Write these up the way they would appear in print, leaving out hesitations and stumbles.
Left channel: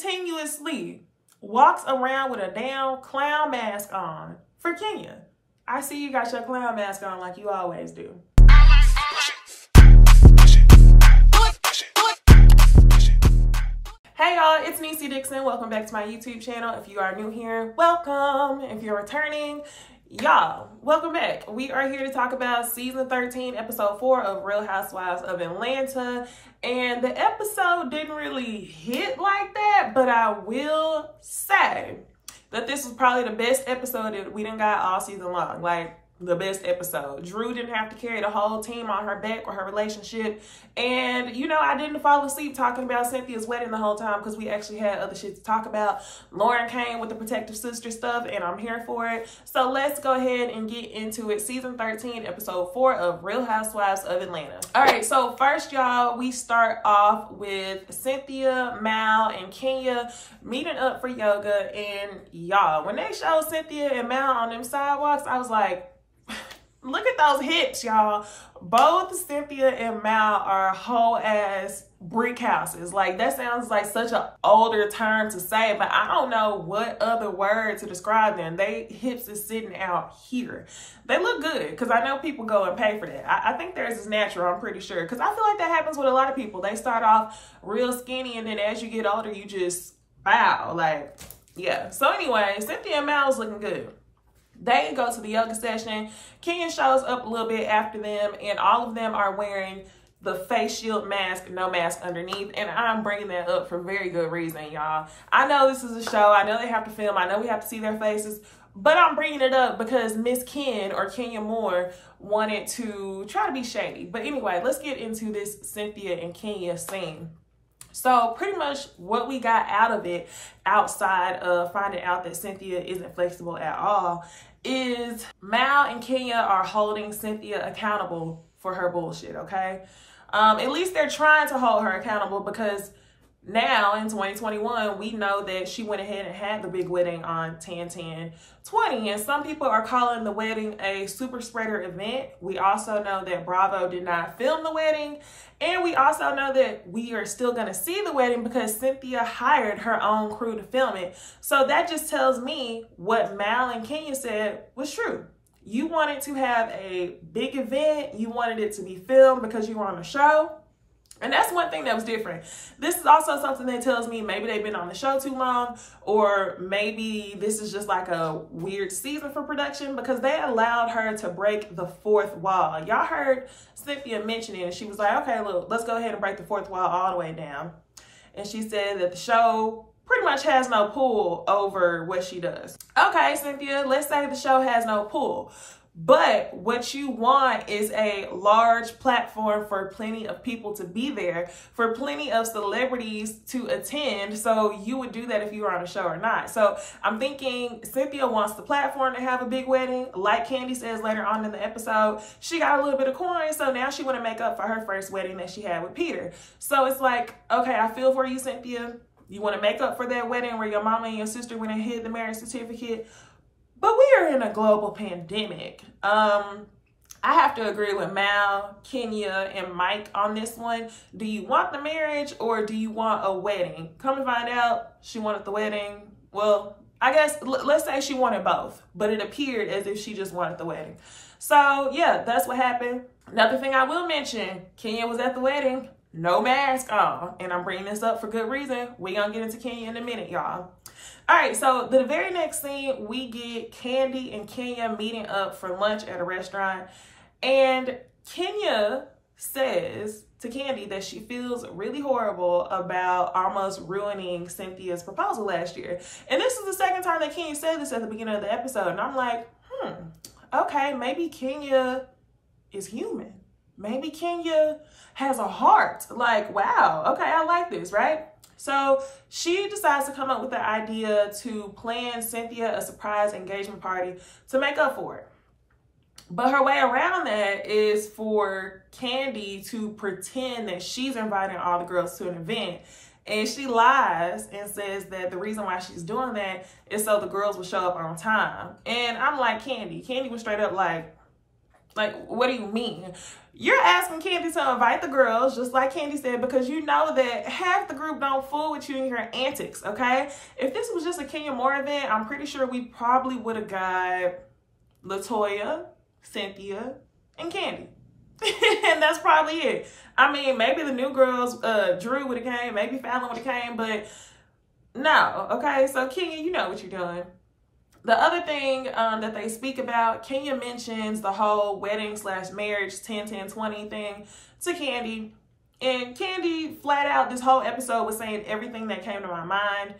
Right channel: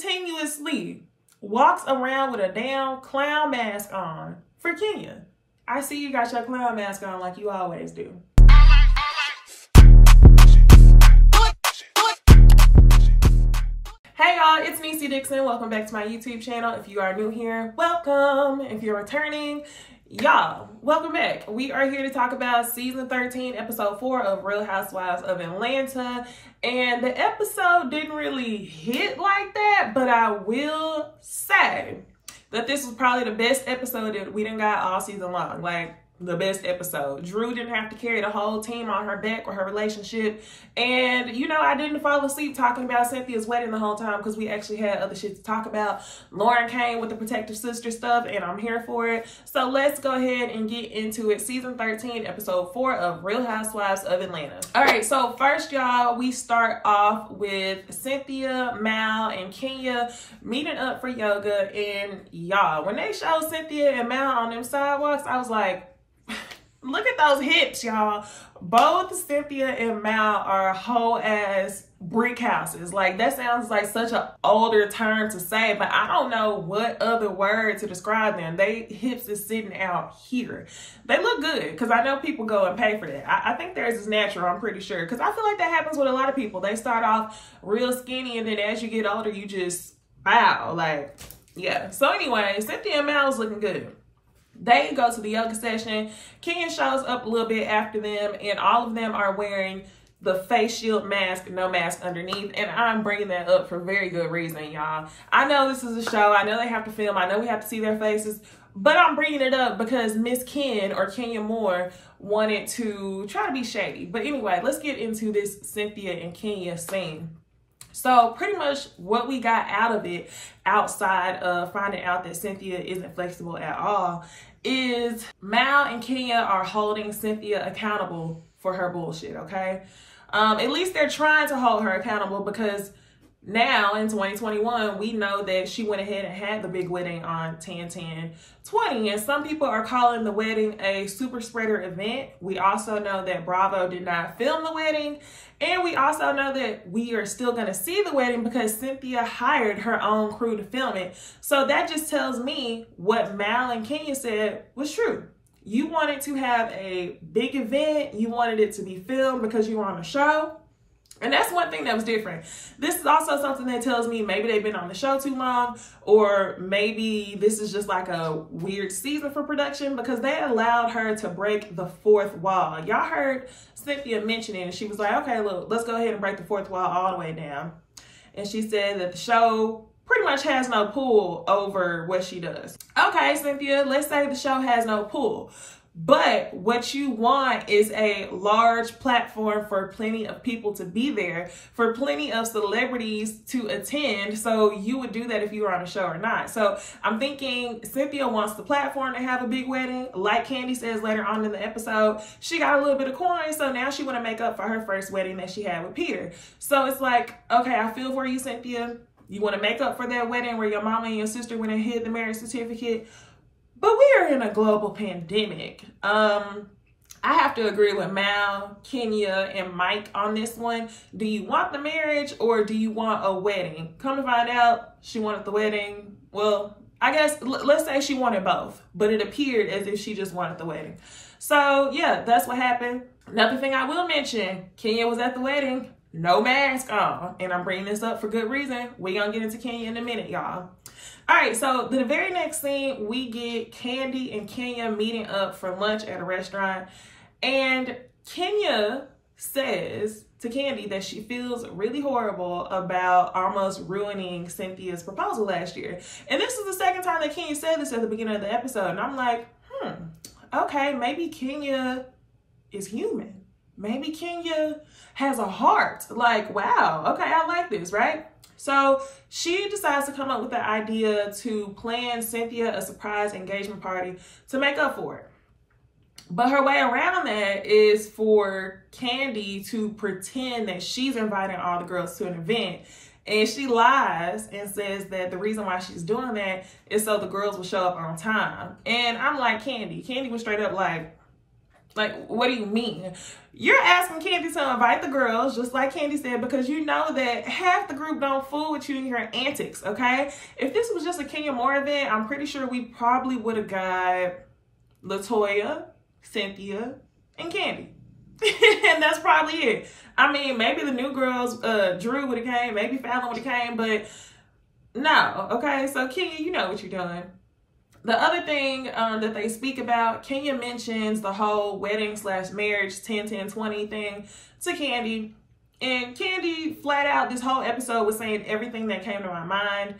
continuously walks around with a damn clown mask on for Kenya. I see you got your clown mask on like you always do. Hey y'all, it's NeceyDixon. Welcome back to my YouTube channel. If you are new here, welcome. If you're returning, y'all, welcome back. We are here to talk about season 13, episode 4 of Real Housewives of Atlanta. And the episode didn't really hit like that, but I will say that this was probably the best episode that we done got all season long. Like, the best episode. Drew didn't have to carry the whole team on her back or her relationship. And, you know, I didn't fall asleep talking about Cynthia's wedding the whole time because we actually had other shit to talk about. Lauren came with the protective sister stuff and I'm here for it. So let's go ahead and get into it. Season 13, episode 4 of Real Housewives of Atlanta. All right, so first, y'all, we start off with Cynthia, Mal, and Kenya meeting up for yoga. And y'all, when they showed Cynthia and Mal on them sidewalks, I was like, look at those hips, y'all. Both Cynthia and Mal are whole ass brick houses. Like, that sounds like such an older term to say, but I don't know what other word to describe them. They hips is sitting out here. They look good because I know people go and pay for that. I think theirs is natural, I'm pretty sure, because I feel like that happens with a lot of people. They start off real skinny and then as you get older, you just bow. Like, yeah. So anyway, Cynthia and Mal is looking good. They go to the yoga session. Kenya shows up a little bit after them, and all of them are wearing the face shield mask, no mask underneath. And I'm bringing that up for very good reason, y'all. I know this is a show. I know they have to film. I know we have to see their faces. But I'm bringing it up because Miss Ken, or Kenya Moore, wanted to try to be shady. But anyway, let's get into this Cynthia and Kenya scene. So pretty much what we got out of it, outside of finding out that Cynthia isn't flexible at all, is Mal and Kenya are holding Cynthia accountable for her bullshit, okay? At least they're trying to hold her accountable because now in 2021, we know that she went ahead and had the big wedding on 10/10/20, and some people are calling the wedding a super spreader event. We also know that Bravo did not film the wedding, and we also know that we are still going to see the wedding because Cynthia hired her own crew to film it. So that just tells me what Mal and Kenya said was true. You wanted to have a big event, you wanted it to be filmed because you were on the show. And that's one thing that was different. This is also something that tells me maybe they've been on the show too long, or maybe this is just like a weird season for production because they allowed her to break the fourth wall. Y'all heard Cynthia mention it and she was like, okay, look, let's go ahead and break the fourth wall all the way down. And she said that the show pretty much has no pull over what she does. Okay, Cynthia, let's say the show has no pull. But what you want is a large platform for plenty of people to be there, for plenty of celebrities to attend. So you would do that if you were on a show or not. So I'm thinking Cynthia wants the platform to have a big wedding. Like Kandi says later on in the episode, she got a little bit of coin. So now she want to make up for her first wedding that she had with Peter. So it's like, okay, I feel for you, Cynthia. You want to make up for that wedding where your mama and your sister went and hid the marriage certificate. But we are in a global pandemic. I have to agree with Mal, Kenya, and Mike on this one. Do you want the marriage or do you want a wedding? Come to find out, she wanted the wedding. Well, I guess let's say she wanted both, but it appeared as if she just wanted the wedding. So yeah, that's what happened. Another thing I will mention, Kenya was at the wedding, no mask on. And I'm bringing this up for good reason. We're gonna get into Kenya in a minute, y'all. All right, so the very next scene, we get Kandi and Kenya meeting up for lunch at a restaurant. And Kenya says to Kandi that she feels really horrible about almost ruining Cynthia's proposal last year. And this is the second time that Kenya said this at the beginning of the episode. And I'm like, okay, maybe Kenya is human. Maybe Kenya has a heart. Like, wow, okay, I like this, right? So she decides to come up with the idea to plan Cynthia a surprise engagement party to make up for it. But her way around that is for Kandi to pretend that she's inviting all the girls to an event. And she lies and says that the reason why she's doing that is so the girls will show up on time. And I'm like, Kandi was straight up like, Like, what do you mean? You're asking Kandi to invite the girls, just like Kandi said, because you know that half the group don't fool with you and your antics, okay? If this was just a Kenya Moore event, I'm pretty sure we probably would have got LaToya, Cynthia, and Kandi. And that's probably it. I mean, maybe the new girls, Drew would have came, maybe Fallon would have came, but no, okay? So Kenya, you know what you're doing. The other thing that they speak about, Kenya mentions the whole wedding / marriage 10-10-20 thing to Kandi. And Kandi flat out this whole episode was saying everything that came to my mind.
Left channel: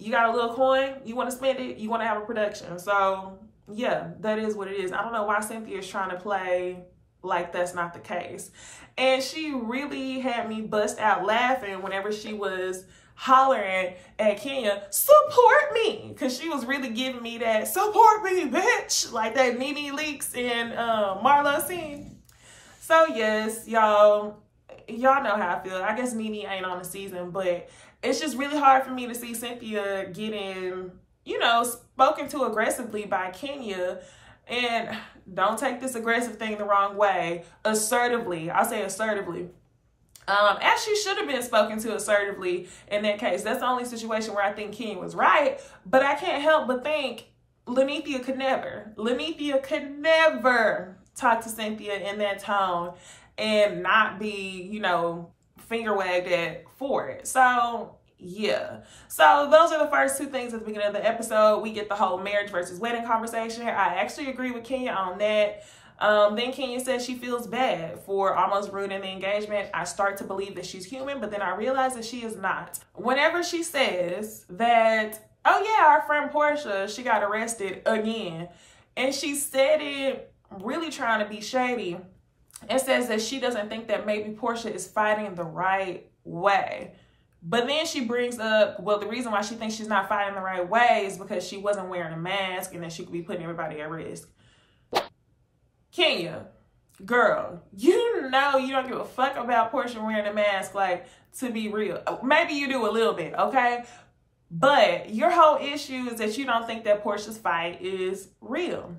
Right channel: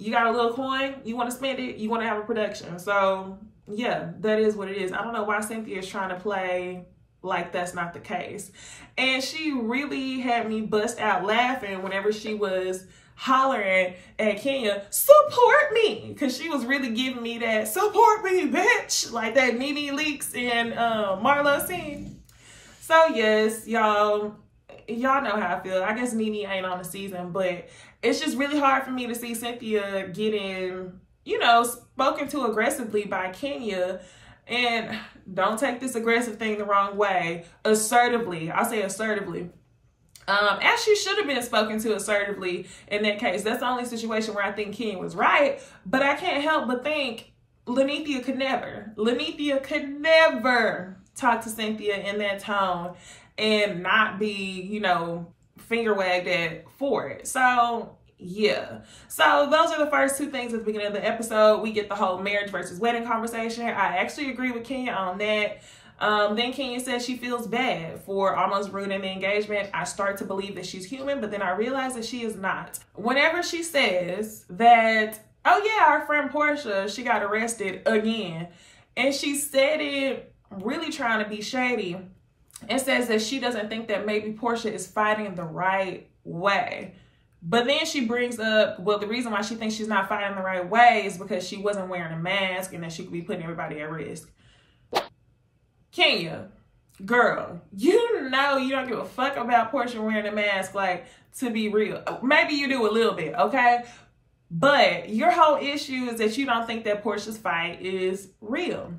You got a little coin, you want to spend it, you want to have a production. So yeah, that is what it is. I don't know why Cynthia is trying to play like that's not the case. And she really had me bust out laughing whenever she was hollering at Kenya, support me, because she was really giving me that support me, bitch, like that NeceyDixon and Marlo scene. So yes, y'all know how I feel. I guess Nene ain't on the season, but it's just really hard for me to see Cynthia getting, you know, spoken to aggressively by Kenya. And don't take this aggressive thing the wrong way. Assertively, I'll say assertively. As she should have been spoken to assertively in that case. That's the only situation where I think Kenya was right. But I can't help but think Lenethia could never talk to Cynthia in that tone and not be, you know, finger wagged at for it. So yeah. So those are the first two things at the beginning of the episode. We get the whole marriage versus wedding conversation. I actually agree with Kenya on that. Then Kenya said she feels bad for almost ruining the engagement. I start to believe that she's human, but then I realize that she is not. Whenever she says that, oh yeah, our friend Porsha, she got arrested again. And she said it really trying to be shady and says that she doesn't think that maybe Porsha is fighting the right way. But then she brings up, well, the reason why she thinks she's not fighting the right way is because she wasn't wearing a mask and that she could be putting everybody at risk. Kenya, girl, you know you don't give a fuck about Porsha wearing a mask, like, to be real. Maybe you do a little bit, okay? But your whole issue is that you don't think that Porsha's fight is real.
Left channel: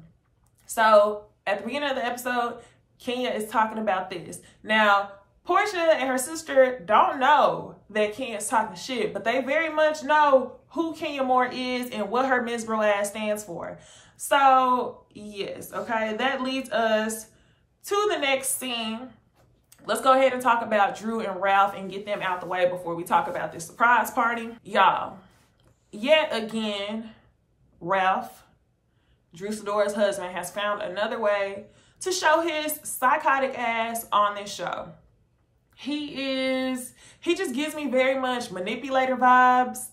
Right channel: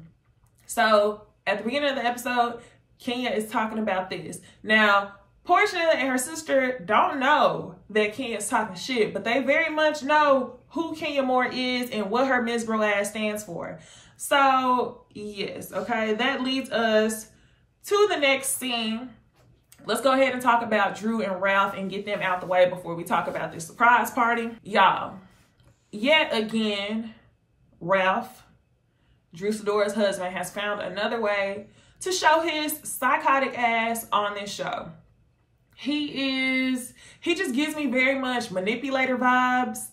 So at the beginning of the episode, Kenya is talking about this. Now, Porsha and her sister don't know that Kenya's talking shit, but they very much know who Kenya Moore is and what her Miss Bro ass stands for. So, yes, okay, that leads us to the next scene. Let's go ahead and talk about Drew and Ralph and get them out the way before we talk about this surprise party. Y'all, yet again, Ralph, Drew Sidora's husband, has found another way to show his psychotic ass on this show. He just gives me very much manipulator vibes,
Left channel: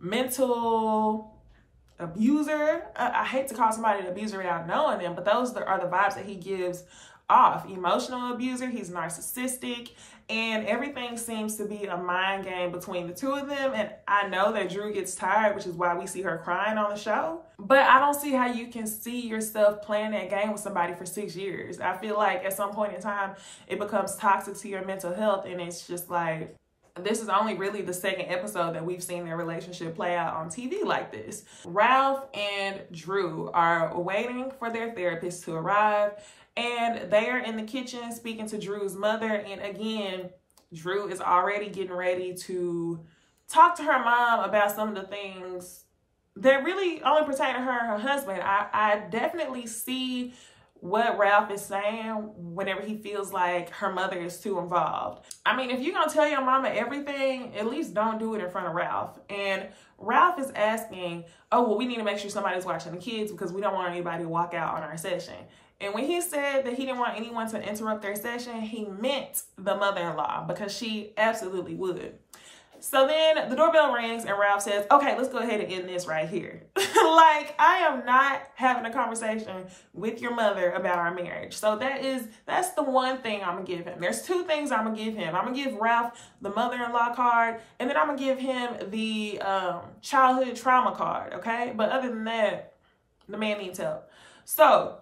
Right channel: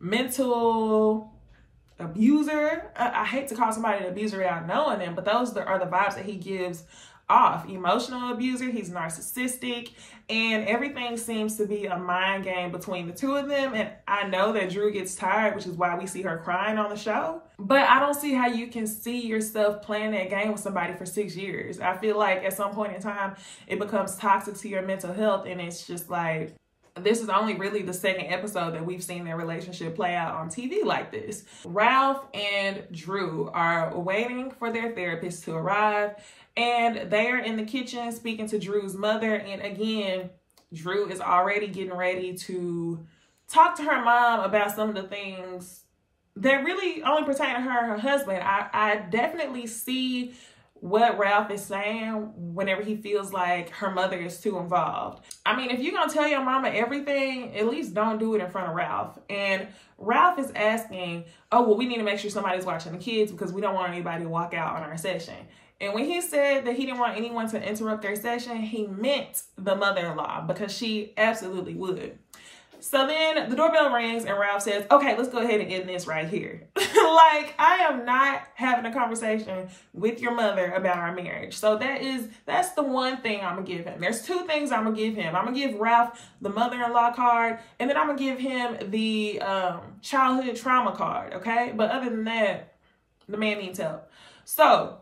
mental abuser. I hate to call somebody an abuser without knowing them, but those are the vibes that he gives off. Emotional abuser, he's narcissistic, and everything seems to be a mind game between the two of them. And I know that Drew gets tired, which is why we see her crying on the show. But I don't see how you can see yourself playing that game with somebody for 6 years. I feel like at some point in time, it becomes toxic to your mental health, and it's just like, this is only really the second episode that we've seen their relationship play out on TV like this. Ralph and Drew are waiting for their therapist to arrive, and they are in the kitchen speaking to Drew's mother. And again, Drew is already getting ready to talk to her mom about some of the things that really only pertain to her and her husband. I definitely see what Ralph is saying whenever he feels like her mother is too involved. I mean, if you're gonna tell your mama everything, at least don't do it in front of Ralph. And Ralph is asking, oh, well, we need to make sure somebody's watching the kids because we don't want anybody to walk out on our session. And when he said that he didn't want anyone to interrupt their session, he meant the mother-in-law, because she absolutely would. So then the doorbell rings and Ralph says, okay, let's go ahead and end this right here. Like, I am not having a conversation with your mother about our marriage. So that's the one thing I'm gonna give him. There's two things I'm gonna give him. I'm gonna give Ralph the mother-in-law card, and then I'm gonna give him the childhood trauma card, okay? But other than that, the man needs help. So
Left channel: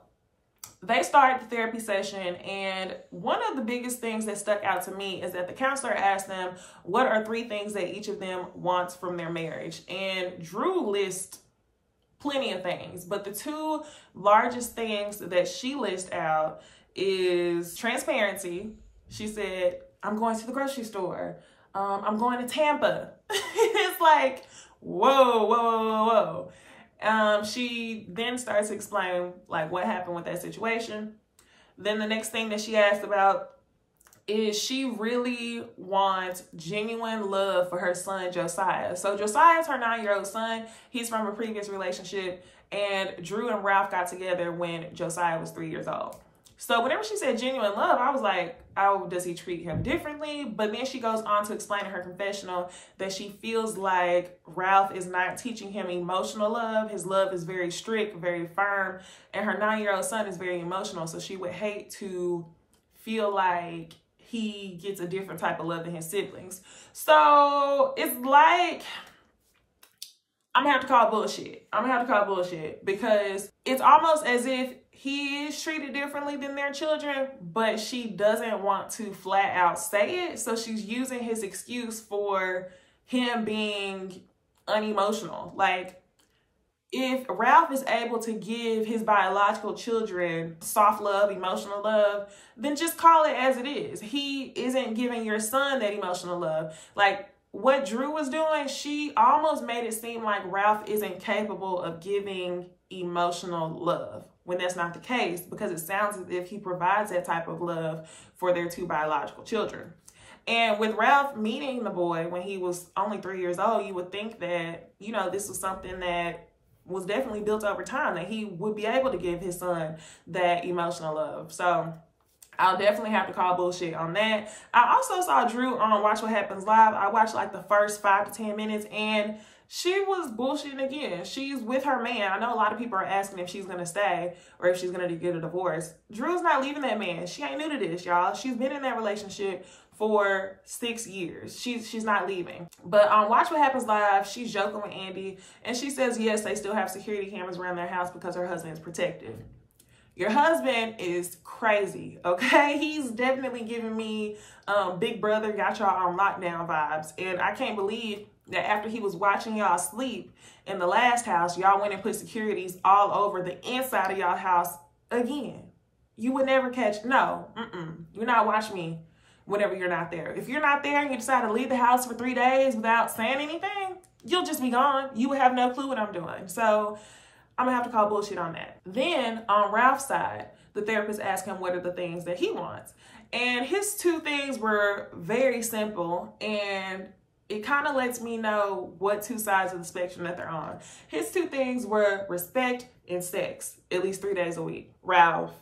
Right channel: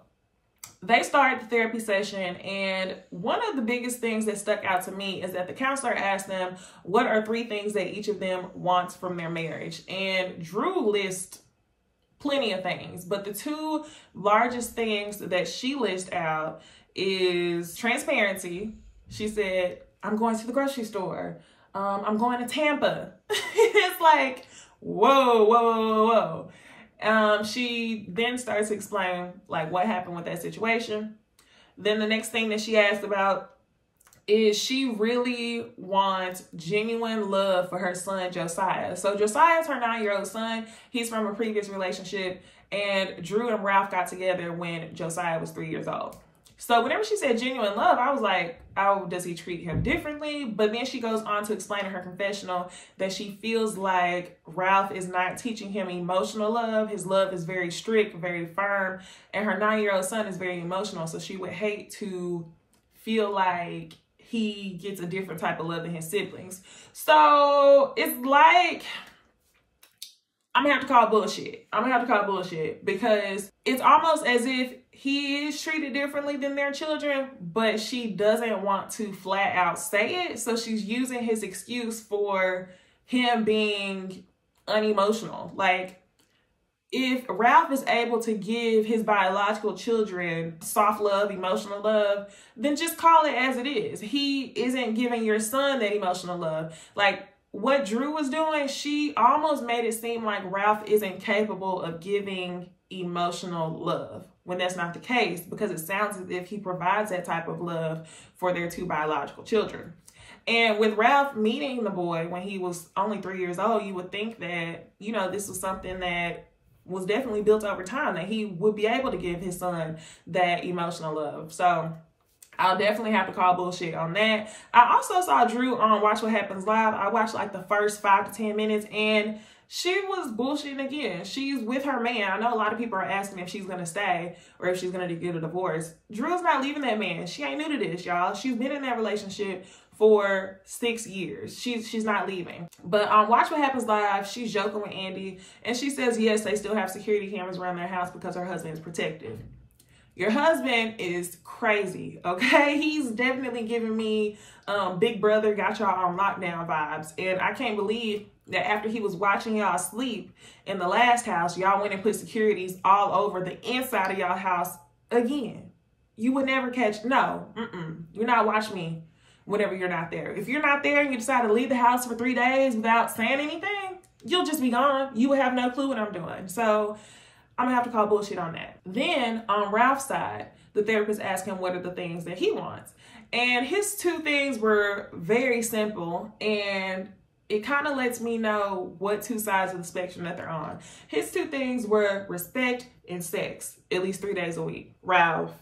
they start the therapy session, and one of the biggest things that stuck out to me is that the counselor asked them, what are 3 things that each of them wants from their marriage? And Drew lists plenty of things, but the two largest things that she lists out is transparency. She said, I'm going to the grocery store. I'm going to Tampa. It's like, whoa, whoa, whoa, whoa. She then starts to explain like what happened with that situation. Then the next thing that she asked about is she really wants genuine love for her son, Josiah. So Josiah is her 9-year-old son. He's from a previous relationship, and Drew and Ralph got together when Josiah was 3 years old. So whenever she said genuine love, I was like, oh, does he treat him differently? But then she goes on to explain in her confessional that she feels like Ralph is not teaching him emotional love. His love is very strict, very firm, and her 9-year-old son is very emotional. So she would hate to feel like he gets a different type of love than his siblings. So it's like, I'm gonna have to call bullshit. I'm gonna have to call bullshit, because it's almost as if he is treated differently than their children, but she doesn't want to flat out say it. So she's using his excuse for him being unemotional. Like, if Ralph is able to give his biological children soft love, emotional love, then just call it as it is. He isn't giving your son that emotional love. Like what Drew was doing, she almost made it seem like Ralph isn't capable of giving emotional love, when that's not the case, because it sounds as if he provides that type of love for their two biological children. And with Ralph meeting the boy when he was only 3 years old, you would think that, you know, this was something that was definitely built over time, that he would be able to give his son that emotional love. So I'll definitely have to call bullshit on that. I also saw Drew on Watch What Happens Live. I watched like the first 5 to 10 minutes, and she was bullshitting again. She's with her man. I know a lot of people are asking if she's going to stay or if she's going to get a divorce. Drew's not leaving that man. She ain't new to this, y'all. She's been in that relationship for 6 years. She's not leaving. But on Watch What Happens Live, she's joking with Andy, and she says, yes, they still have security cameras around their house because her husband is protected. Your husband is crazy, okay? He's definitely giving me Big Brother got y'all on lockdown vibes. And I can't believe that after he was watching y'all sleep in the last house, y'all went and put securities all over the inside of y'all house again. You would never catch, no, you're not watching me whenever you're not there. If you're not there and you decide to leave the house for 3 days without saying anything, you'll just be gone. You would have no clue what I'm doing. So I'm gonna have to call bullshit on that. Then on Ralph's side, the therapist asked him what are the things that he wants. And his 2 things were very simple, and it kind of lets me know what 2 sides of the spectrum that they're on. His 2 things were respect and sex, at least 3 days a week. Ralph,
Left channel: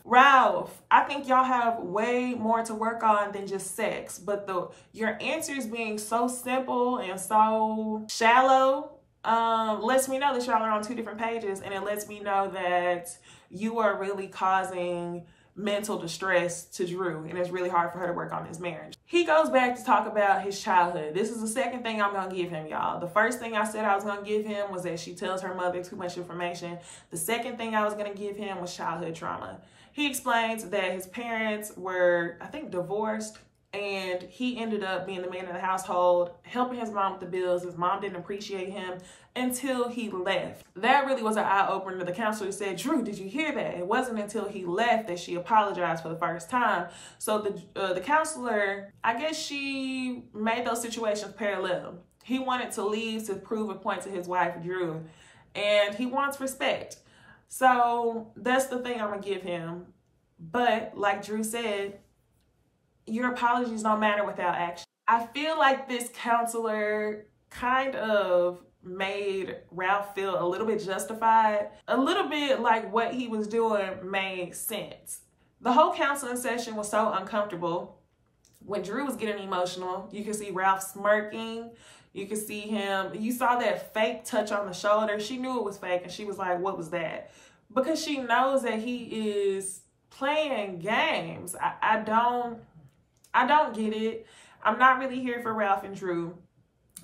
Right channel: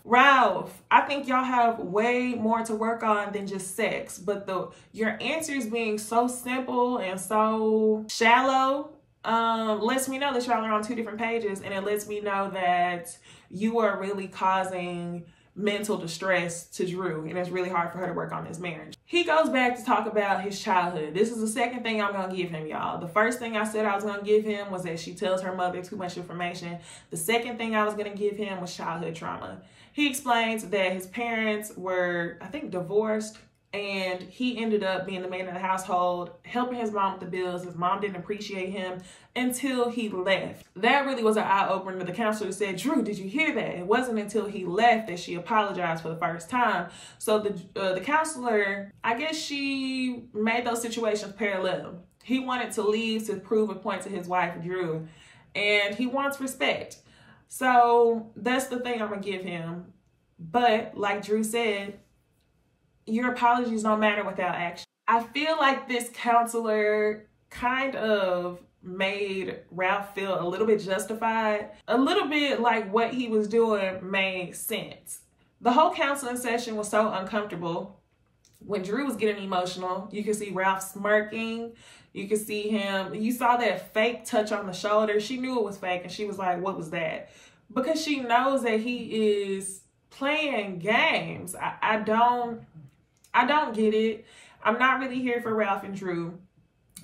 I think y'all have way more to work on than just sex, but your answers being so simple and so shallow lets me know that y'all are on 2 different pages, and it lets me know that you are really causing mental distress to Drew, and it's really hard for her to work on this marriage. He goes back to talk about his childhood. This is the second thing I'm gonna give him, y'all. The first thing I said I was gonna give him was that she tells her mother too much information. The second thing I was gonna give him was childhood trauma. He explains that his parents were, I think, divorced, and he ended up being the man of the household, helping his mom with the bills. His mom didn't appreciate him until he left. That really was an eye-opener. The counselor said, Drew, did you hear that? It wasn't until he left that she apologized for the first time. So the counselor, I guess she made those situations parallel. He wanted to leave to prove a point to his wife, Drew, and he wants respect. So that's the thing I'm gonna give him. But like Drew said, your apologies don't matter without action. I feel like this counselor kind of made Ralph feel a little bit justified, a little bit like what he was doing made sense. The whole counseling session was so uncomfortable. When Drew was getting emotional, you could see Ralph smirking. You could see him, you saw that fake touch on the shoulder. She knew it was fake, and she was like, what was that? Because she knows that he is playing games. I don't get it. I'm not really here for Ralph and Drew.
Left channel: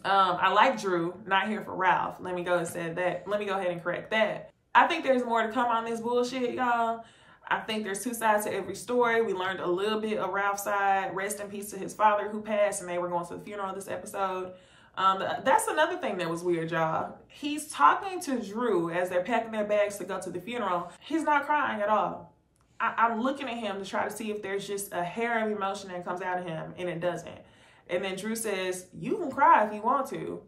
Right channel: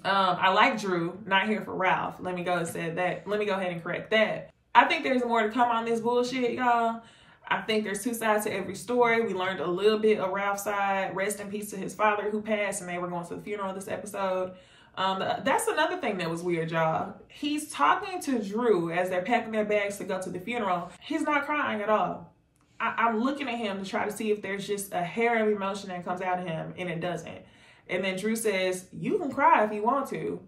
I like Drew, not here for Ralph. Let me go ahead and correct that. I think there's more to come on this bullshit, y'all. I think there's 2 sides to every story. We learned a little bit of Ralph's side. Rest in peace to his father who passed, and they were going to the funeral this episode. That's another thing that was weird, y'all. He's talking to Drew as they're packing their bags to go to the funeral. He's not crying at all. I'm looking at him to try to see if there's just a hair of emotion that comes out of him, and it doesn't. And then Drew says, you can cry if you want to.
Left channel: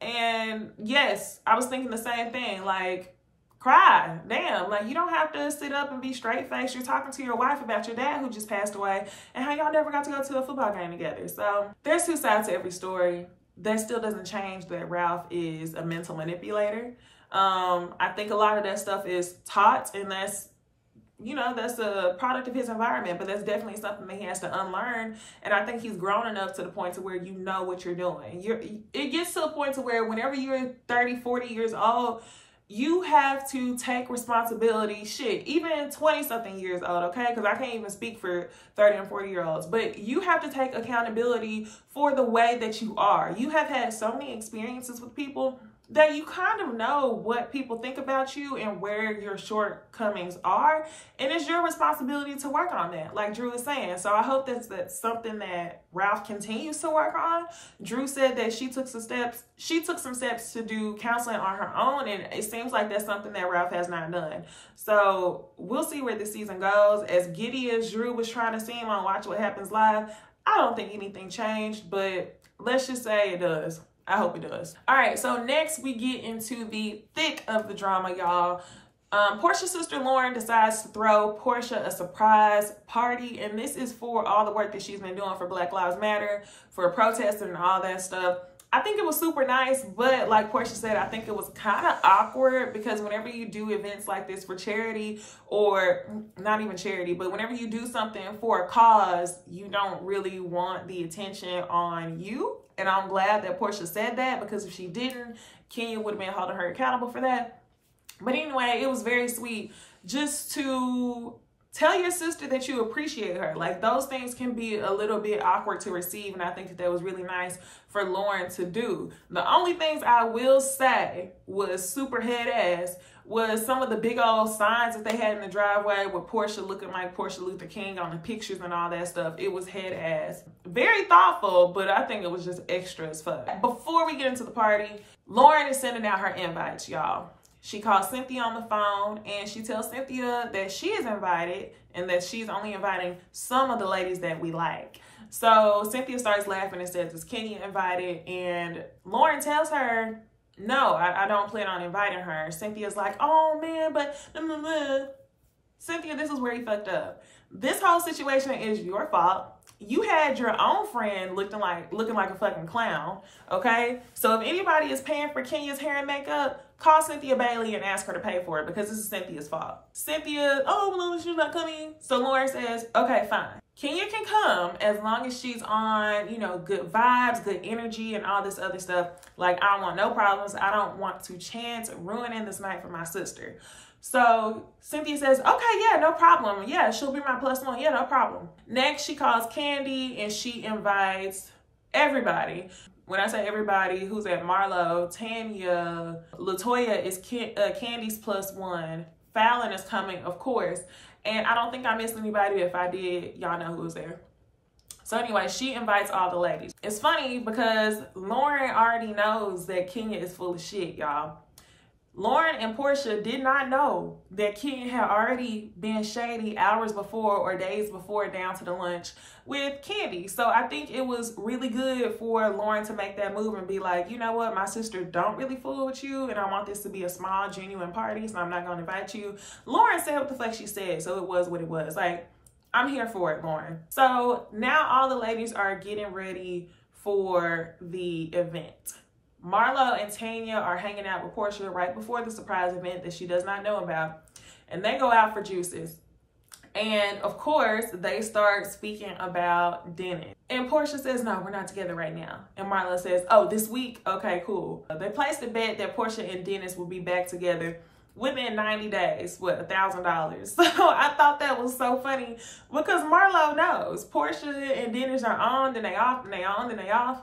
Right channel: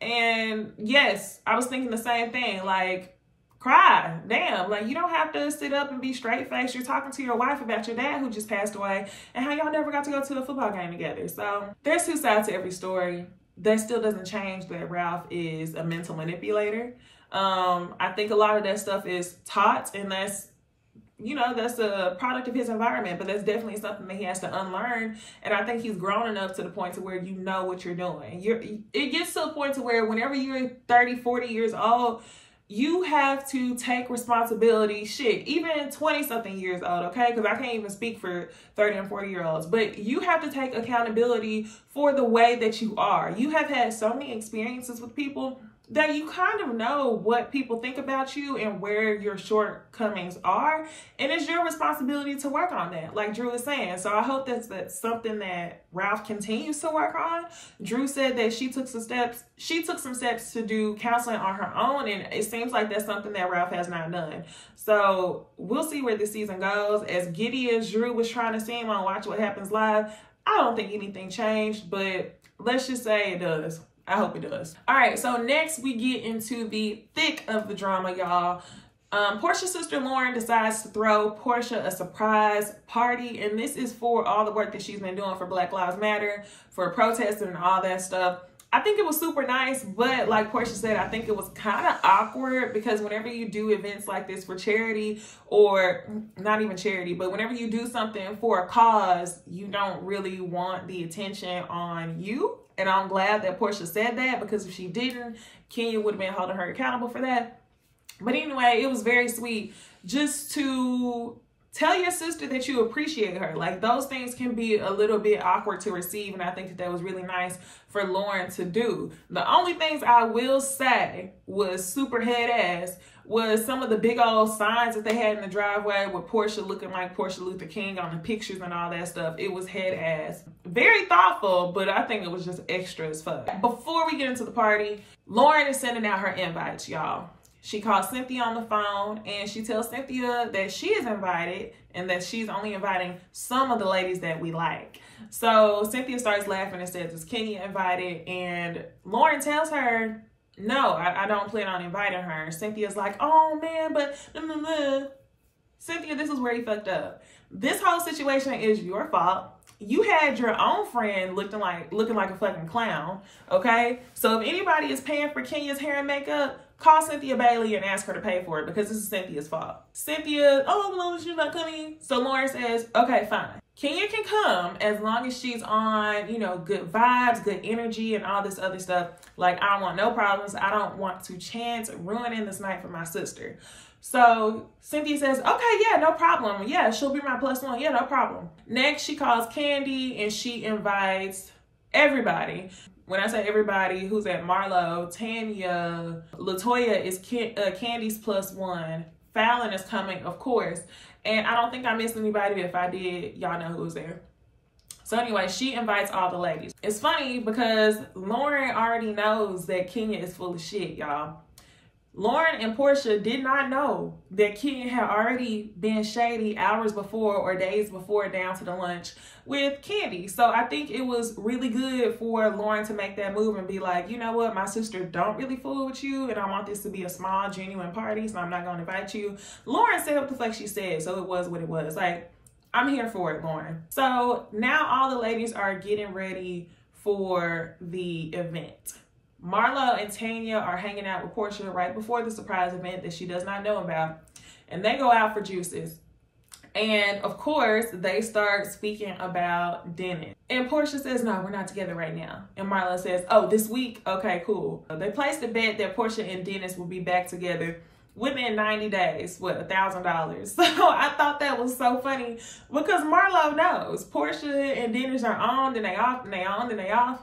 And yes, I was thinking the same thing. Like, cry. Damn. Like, you don't have to sit up and be straight-faced. You're talking to your wife about your dad who just passed away and how y'all never got to go to a football game together. So there's two sides to every story. That still doesn't change that Ralph is a mental manipulator. I think a lot of that stuff is taught, and that's, you know, that's a product of his environment, but that's definitely something that he has to unlearn. And I think he's grown enough to the point to where you know what you're doing. It gets to a point to where whenever you're 30, 40 years old, you have to take responsibility. Shit, even 20-something years old, okay? Because I can't even speak for 30 and 40-year-olds. But you have to take accountability for the way that you are. You have had so many experiences with people that you kind of know what people think about you and where your shortcomings are. And it's your responsibility to work on that, like Drew is saying. So I hope that's something that Ralph continues to work on. Drew said that she took some steps to do counseling on her own, and it seems like that's something that Ralph has not done. So we'll see where this season goes. As giddy as Drew was trying to seem on Watch What Happens Live, I don't think anything changed, but let's just say it does. I hope it does. All right, so next we get into the thick of the drama, y'all. Porsha's sister Lauren decides to throw Porsha a surprise party, and this is for all the work that she's been doing for Black Lives Matter, for protesting and all that stuff. I think it was super nice, but like Porsha said, I think it was kind of awkward because whenever you do events like this for charity, or not even charity, but whenever you do something for a cause, you don't really want the attention on you. And I'm glad that Porsha said that, because if she didn't, Kenya would have been holding her accountable for that. But anyway, it was very sweet just to tell your sister that you appreciate her. Like, those things can be a little bit awkward to receive, and I think that was really nice for Lauren to do. The only things I will say was super head ass was some of the big old signs that they had in the driveway with Porsha looking like Porsha Luther King on the pictures and all that stuff. It was head ass. Very thoughtful, but I think it was just extra as fuck. Before we get into the party, Lauren is sending out her invites, y'all. She calls Cynthia on the phone, and she tells Cynthia that she is invited and that she's only inviting some of the ladies that we like. So Cynthia starts laughing and says, is Kenya invited? And Lauren tells her, no, I don't plan on inviting her. Cynthia's like, oh man, but Cynthia, this is where you fucked up. This whole situation is your fault. You had your own friend looking like a fucking clown, okay? So if anybody is paying for Kenya's hair and makeup, call Cynthiabailey and ask her to pay for it, because this is Cynthia's fault. Cynthia, oh no, she's not coming. So Lauren says, okay, fine. Kenya can come as long as she's on, you know, good vibes, good energy, and all this other stuff. Like, I don't want no problems. I don't want to chance ruining this night for my sister. So Cynthia says, okay, yeah, no problem. Yeah, she'll be my +1. Yeah, no problem. Next, she calls Kandi and she invites everybody. When I say everybody, who's at Marlo, Tanya, Latoya is Kandi's +1. Fallon is coming, of course. And I don't think I missed anybody. If I did, y'all know who was there. So anyway, she invites all the ladies. It's funny because Lauren already knows that Kenya is full of shit, y'all. Lauren and Porsha did not know that Kenya had already been shady hours before or days before down to the lunch with Kandi. So I think it was really good for Lauren to make that move and be like, you know what, my sister don't really fool with you, and I want this to be a small, genuine party, so I'm not going to invite you. Lauren said what the fuck she said, so it was what it was. Like, I'm here for it, Lauren. So now all the ladies are getting ready for the event. Marlo and Tanya are hanging out with Porsha right before the surprise event that she does not know about. And they go out for juices. And of course, they start speaking about Dennis. And Porsha says, no, we're not together right now. And Marlo says, oh, this week? Okay, cool. They placed a bet that Porsha and Dennis will be back together within 90 days, what, $1,000. So I thought that was so funny because Marlo knows Porsha and Dennis are on, then they off, then they on, then they off.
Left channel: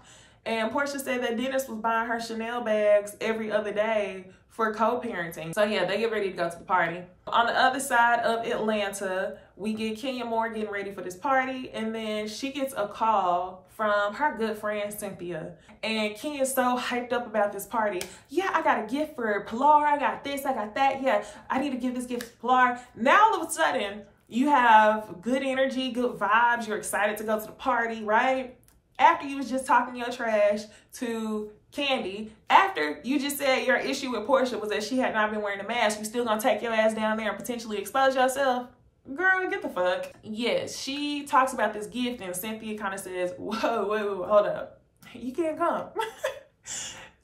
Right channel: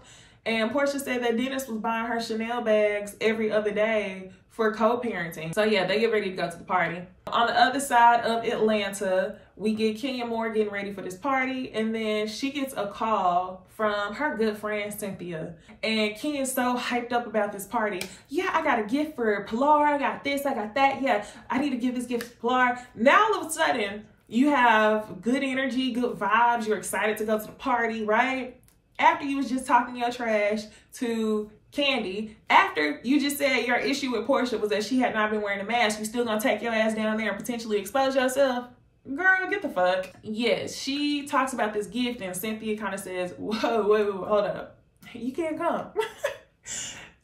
And Porsha said that Dennis was buying her Chanel bags every other day for co-parenting. So yeah, they get ready to go to the party. On the other side of Atlanta, we get Kenya Moore getting ready for this party, and then she gets a call from her good friend Cynthia. And Kenya's so hyped up about this party. Yeah, I got a gift for Pilar, I got this, I got that. Yeah, I need to give this gift to Pilar. Now all of a sudden, you have good energy, good vibes, you're excited to go to the party, right? After you was just talking your trash to Kandi, after you just said your issue with Porsha was that she had not been wearing a mask, you still gonna take your ass down there and potentially expose yourself? Girl, get the fuck. Yes, she talks about this gift and Cynthia kind of says, whoa, wait, hold up. You can't come.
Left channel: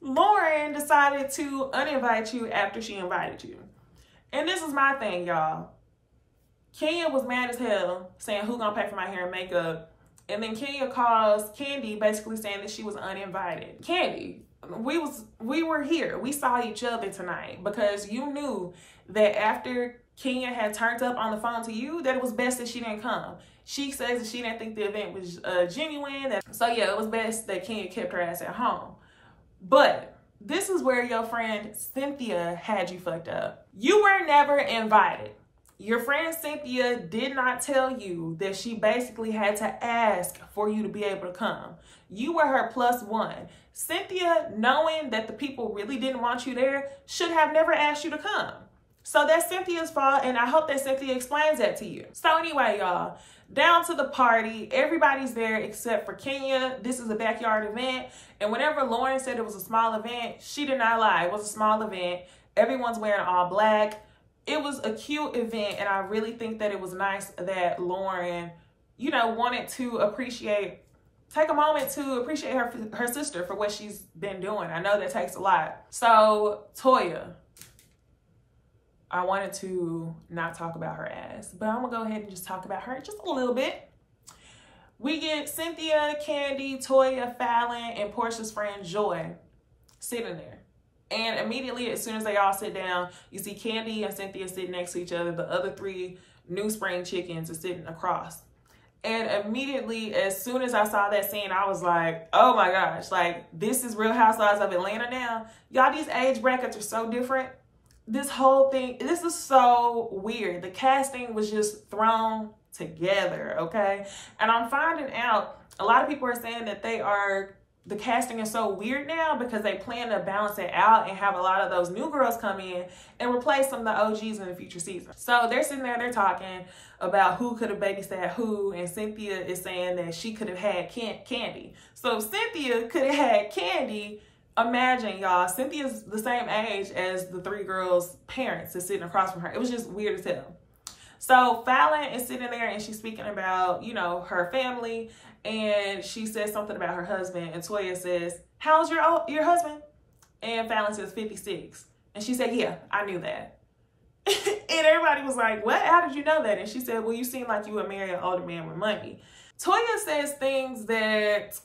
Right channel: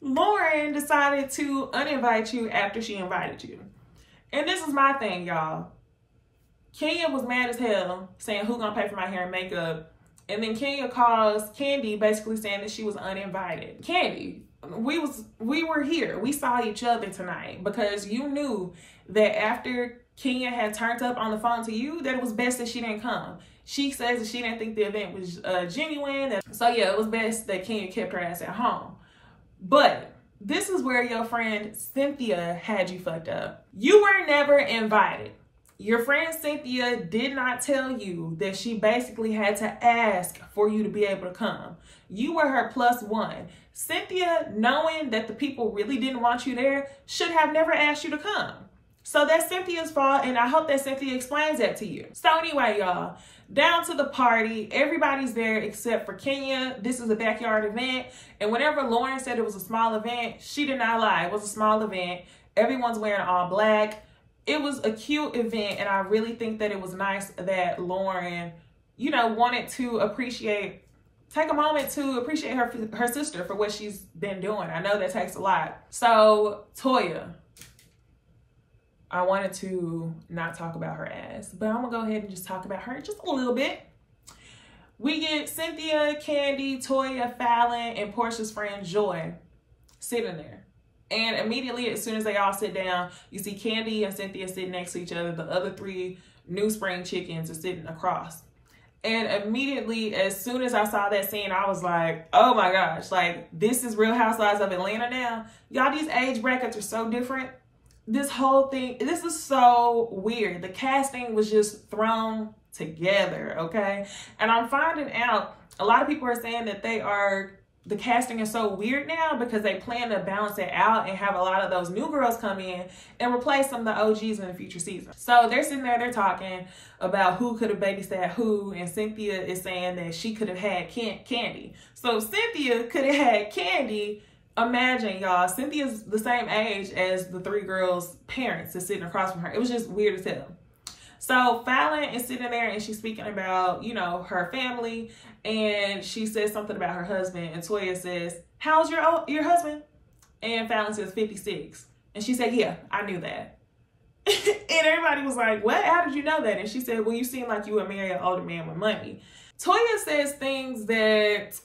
Lauren decided to uninvite you after she invited you. And this is my thing, y'all. Kenya was mad as hell saying, who gonna pay for my hair and makeup? And then Kenya calls Kandi basically saying that she was uninvited. Kandi, we were here. We saw each other tonight because you knew that after Kenya had turned up on the phone to you, that it was best that she didn't come. She says that she didn't think the event was genuine. So yeah, it was best that Kenya kept her ass at home. But this is where your friend Cynthia had you fucked up. You were never invited. Your friend Cynthia did not tell you that she basically had to ask for you to be able to come. You were her +1. Cynthia, knowing that the people really didn't want you there, should have never asked you to come. So that's Cynthia's fault, and I hope that Cynthia explains that to you. So anyway, y'all, down to the party. Everybody's there except for Kenya. This is a backyard event, and whenever Lauren said it was a small event, she did not lie. It was a small event. Everyone's wearing all black. It was a cute event, and I really think that it was nice that Lauren, you know, wanted to take a moment to appreciate her sister for what she's been doing. I know that takes a lot. So, Toya, I wanted to not talk about her ass, but I'm gonna go ahead and just talk about her just a little bit. We get Cynthia, Kandi, Toya, Fallon, and Porsha's friend Joy sitting there. And immediately, as soon as they all sit down, you see Kandi and Cynthia sitting next to each other. The other 3 New Spring chickens are sitting across. And immediately, as soon as I saw that scene, I was like, oh my gosh, like, this is Real Housewives of Atlanta now. Y'all, these age brackets are so different. This whole thing, this is so weird. The casting was just thrown together, okay? And I'm finding out, a lot of people are saying that the casting is so weird now because they plan to balance it out and have a lot of those new girls come in and replace some of the OGs in the future season. So they're sitting there, they're talking about who could have babysat who, and Cynthia is saying that she could have had Kandi. So if Cynthia could have had Kandi, imagine, y'all, Cynthia's the same age as the 3 girls' parents is sitting across from her. It was just weird as hell. So Fallon is sitting there and she's speaking about, you know, her family, and she says something about her husband, and Toya says, how's your husband? And Fallon says 56. And she said, yeah, I knew that. And everybody was like, what? How did you know that? And she said, well, you seem like you would marry an older man with money. Toya says things that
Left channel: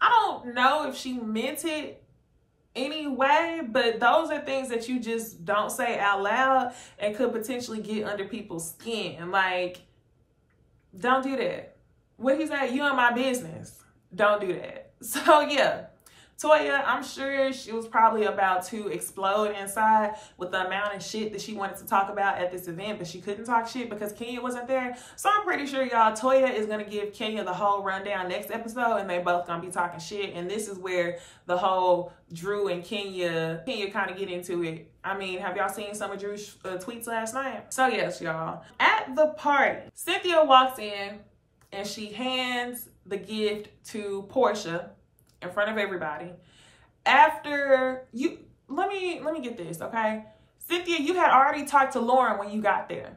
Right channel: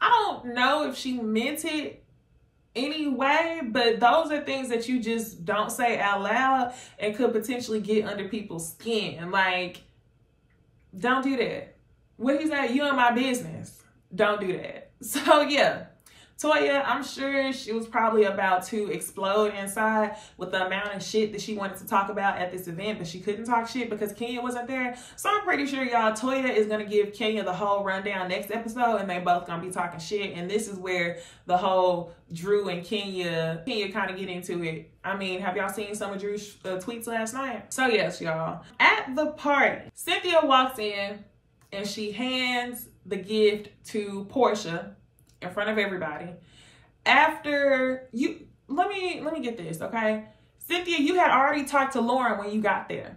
I don't know if she meant it anyway, but those are things that you just don't say out loud and could potentially get under people's skin. Like, don't do that. What he said, you in my business. Don't do that. So yeah, Toya, I'm sure she was probably about to explode inside with the amount of shit that she wanted to talk about at this event, but she couldn't talk shit because Kenya wasn't there. So I'm pretty sure, y'all, Toya is going to give Kenya the whole rundown next episode, and they both going to be talking shit. And this is where the whole Drew and Kenya kind of get into it. I mean, have y'all seen some of Drew's tweets last night? So yes, y'all. At the party, Cynthia walks in and she hands the gift to Porsha in front of everybody. After you, let me get this, okay? Cynthia, you had already talked to Lauren when you got there.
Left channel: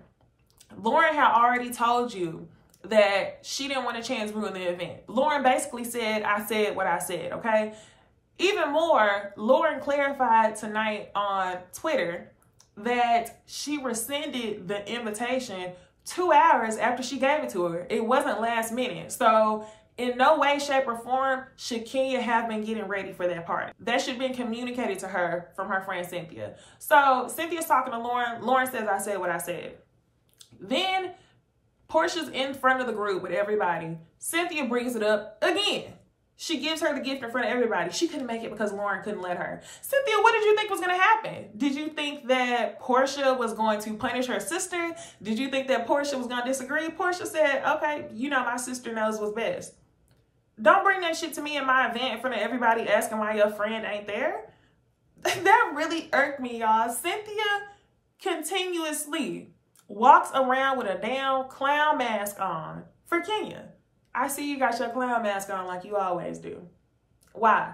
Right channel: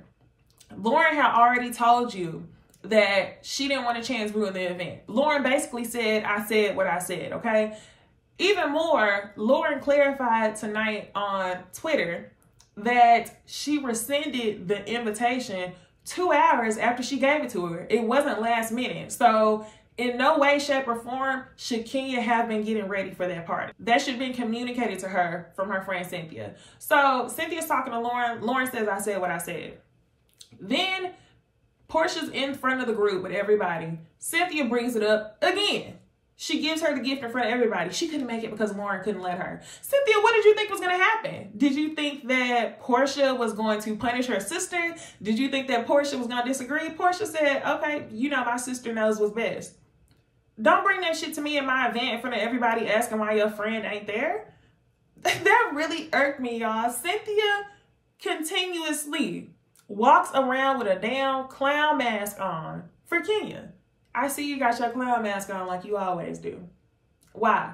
Lauren had already told you that she didn't want a chance ruin the event. Lauren basically said, I said what I said, okay? Even more, Lauren clarified tonight on Twitter that she rescinded the invitation 2 hours after she gave it to her. It wasn't last minute. So in no way, shape, or form should Kenya have been getting ready for that party. That should have been communicated to her from her friend Cynthia. So Cynthia's talking to Lauren. Lauren says, I said what I said. Then Porsha's in front of the group with everybody. Cynthia brings it up again. She gives her the gift in front of everybody. She couldn't make it because Lauren couldn't let her. Cynthia, what did you think was going to happen? Did you think that Porsha was going to punish her sister? Did you think that Porsha was going to disagree? Porsha said, okay, you know, my sister knows what's best. Don't bring that shit to me at my event in front of everybody asking why your friend ain't there. That really irked me, y'all. Cynthia continuously walks around with a damn clown mask on for Kenya. I see you got your clown mask on like you always do. Why?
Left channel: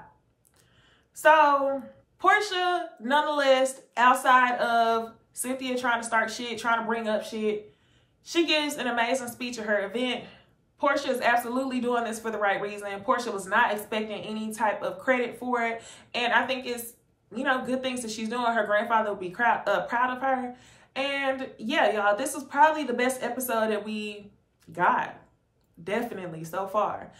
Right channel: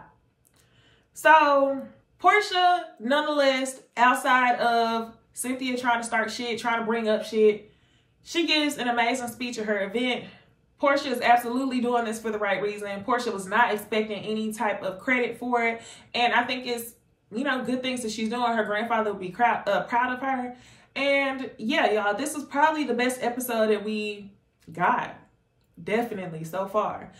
So, Porsha, nonetheless, outside of Cynthia trying to start shit, trying to bring up shit, she gives an amazing speech at her event. Porsha is absolutely doing this for the right reason. Porsha was not expecting any type of credit for it. And I think it's, you know, good things that she's doing. Her grandfather will be proud of her. And yeah, y'all, this was probably the best episode that we got. Definitely so far.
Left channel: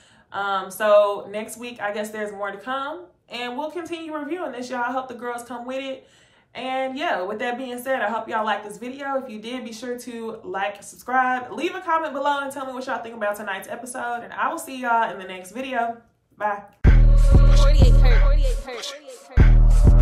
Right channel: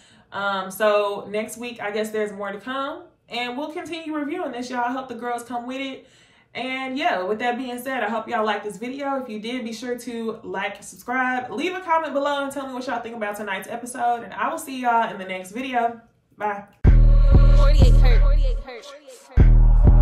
So next week, I guess there's more to come, and we'll continue reviewing this, y'all. I hope the girls come with it. And yeah, with that being said, I hope y'all liked this video. If you did, be sure to like, subscribe, leave a comment below, and tell me what y'all think about tonight's episode. And I will see y'all in the next video. Bye. 48 hurt.